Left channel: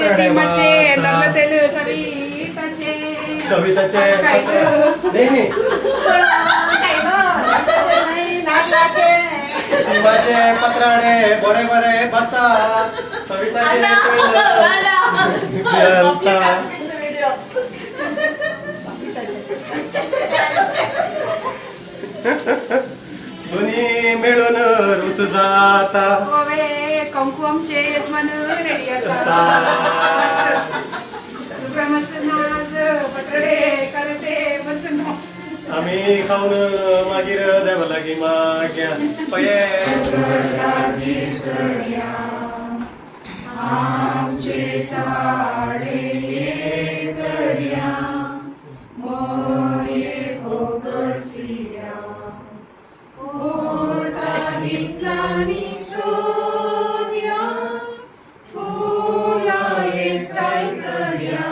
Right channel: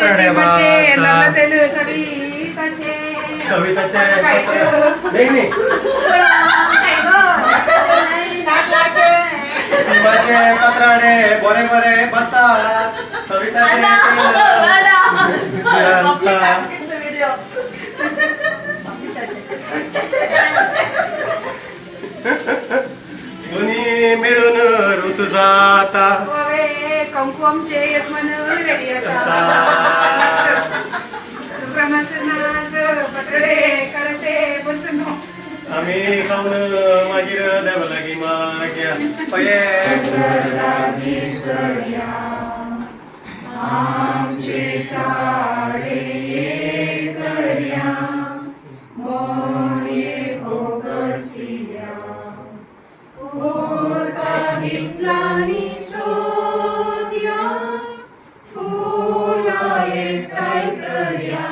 पत्राडे सविताचे नाही शिवाचे पत्राडे बरे बरे बसतात सविताचे दोन्ही मिळून रुसू जाता कंकू आमचे यजमान रेडी असतात पत्राडे करते बसून आम्ही खाऊन मागीर देव लागी माग्या पये आमचे ताडे करया मोरयेक होगोळसिया होता गितलानी सोद्या फुला एकठांय करया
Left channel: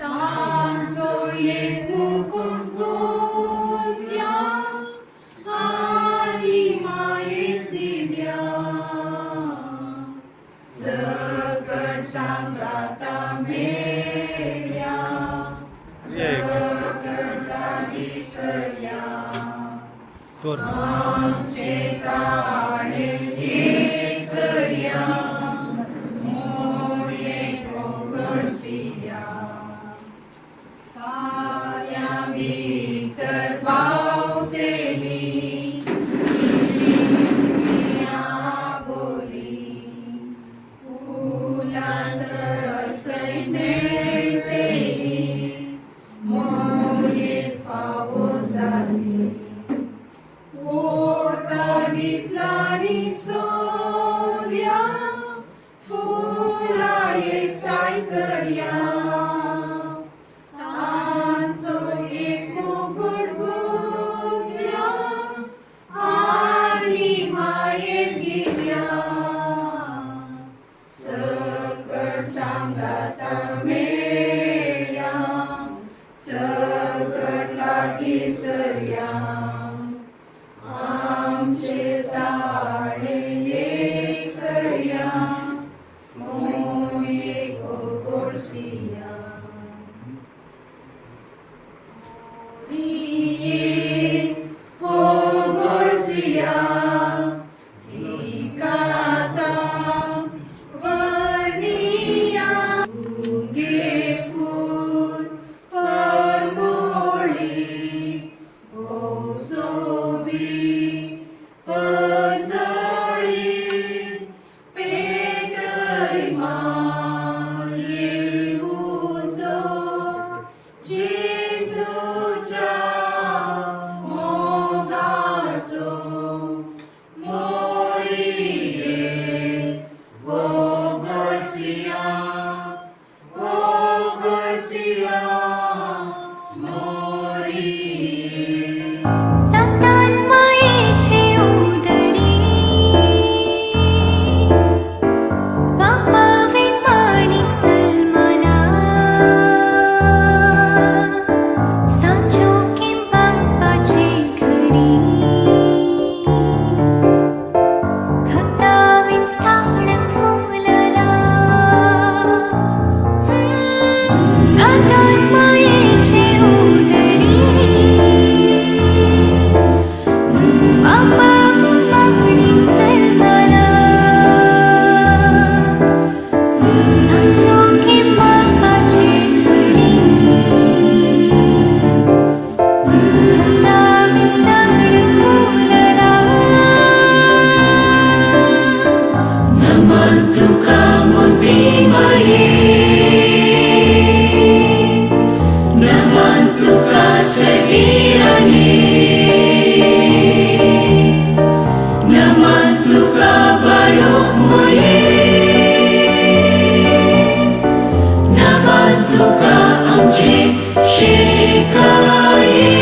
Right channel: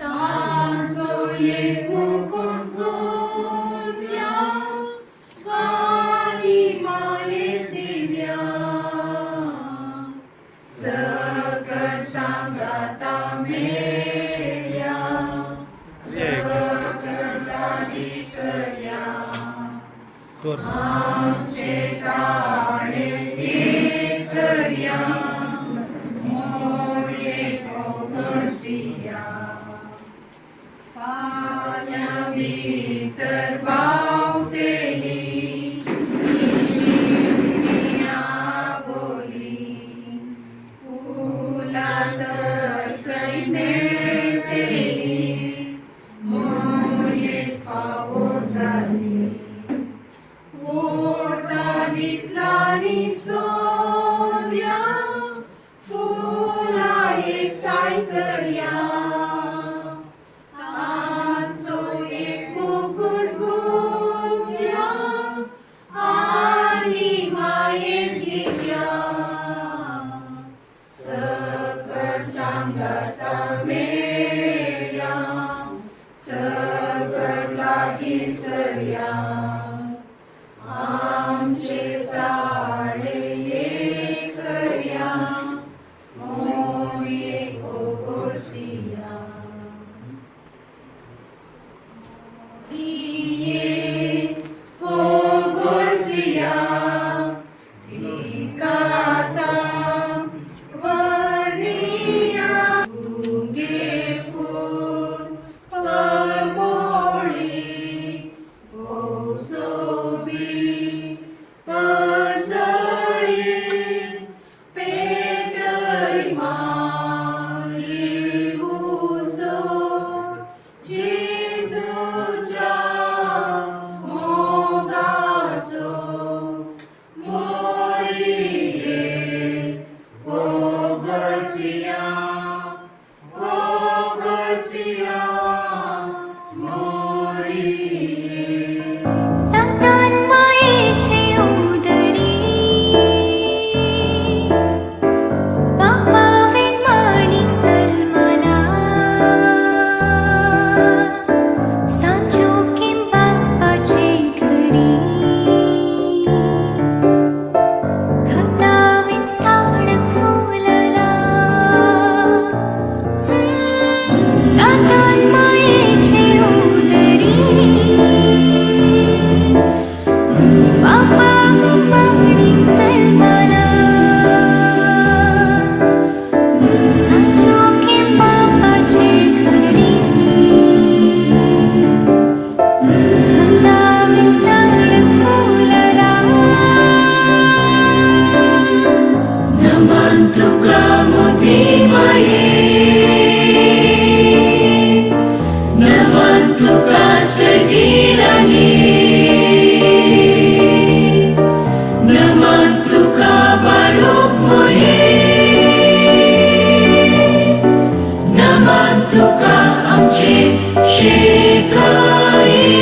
तांचो एक मुकुट गोंद्या आनी मायेक दिव्या सकट सांगाता मेल्या सकट लागीं सरया आमचे ताणे एक करया मोरयेक होगोळसिया फाल्यां भितर बावतेली इशिया बोली फुलां तर खंय मेळटली मोरयेक फावो जाली ओर्ता गितलानी सोद्या फुलां एकठांय करया तांचो एक मुकुट गोंद्या आनी मायेक दिव्या सकट सांगाता मेळ्या सकट लागीं सरया आमचे ताळे एक करया मोरयेक होगोळसिया मोरयेक होगोळसिया तिकाता वर्णिया गुंगे फूल परमोळी सोबी पजळी पेटय माये उजो जेजूच्या मोगाचो मोरयेक होगोळसिया होगोळसिया मोरयेक संतान मायेचे उदरी बापा विण माणिक सलमाला सांजो बापाचे घरी खता विण स्थानक फुलला संतान मायेचे उदरी बापा विण माणिक सलमाला सांजो बापाचे घरी खता विण स्थानक फुलला नमन तुका मोती माये नमन तुका सगीराणी नमन तुका बाळोक मोये नमन तुका आमचे शेकाये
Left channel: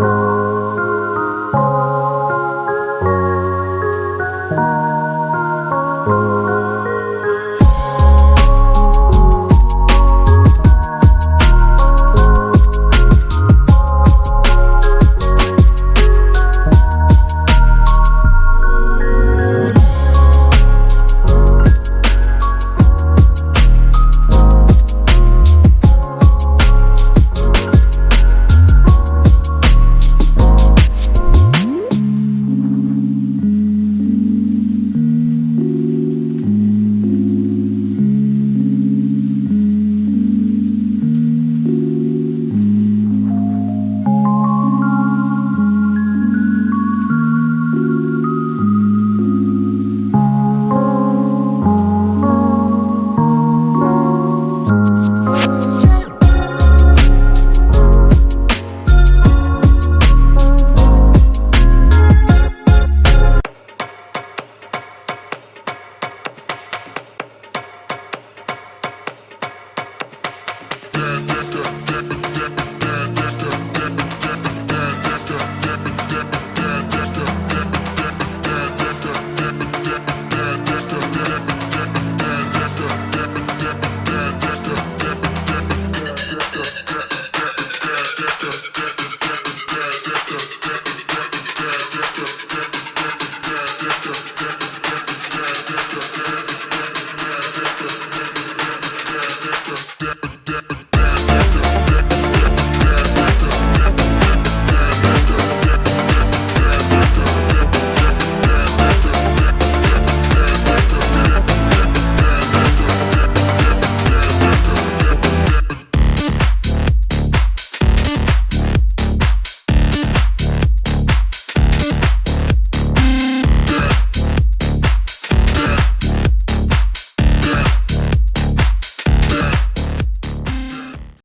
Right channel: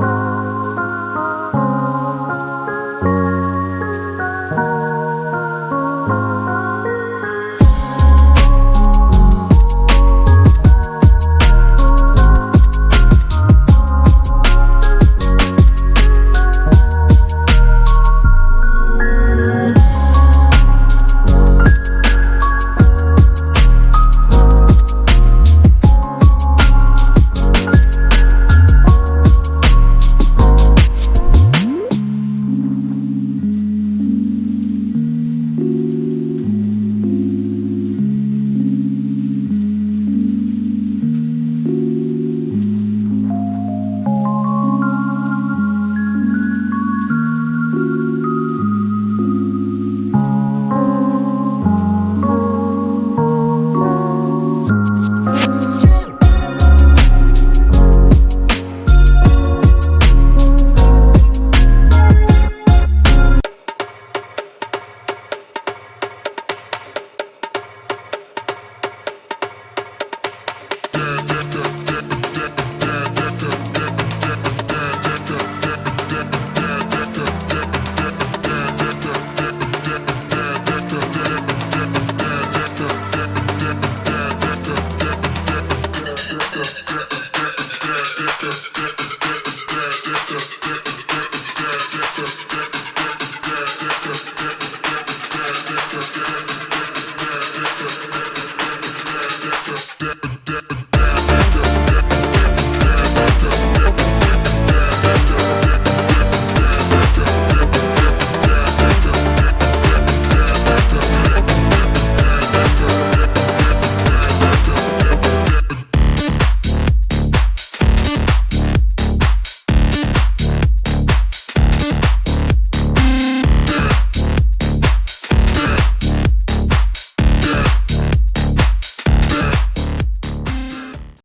मा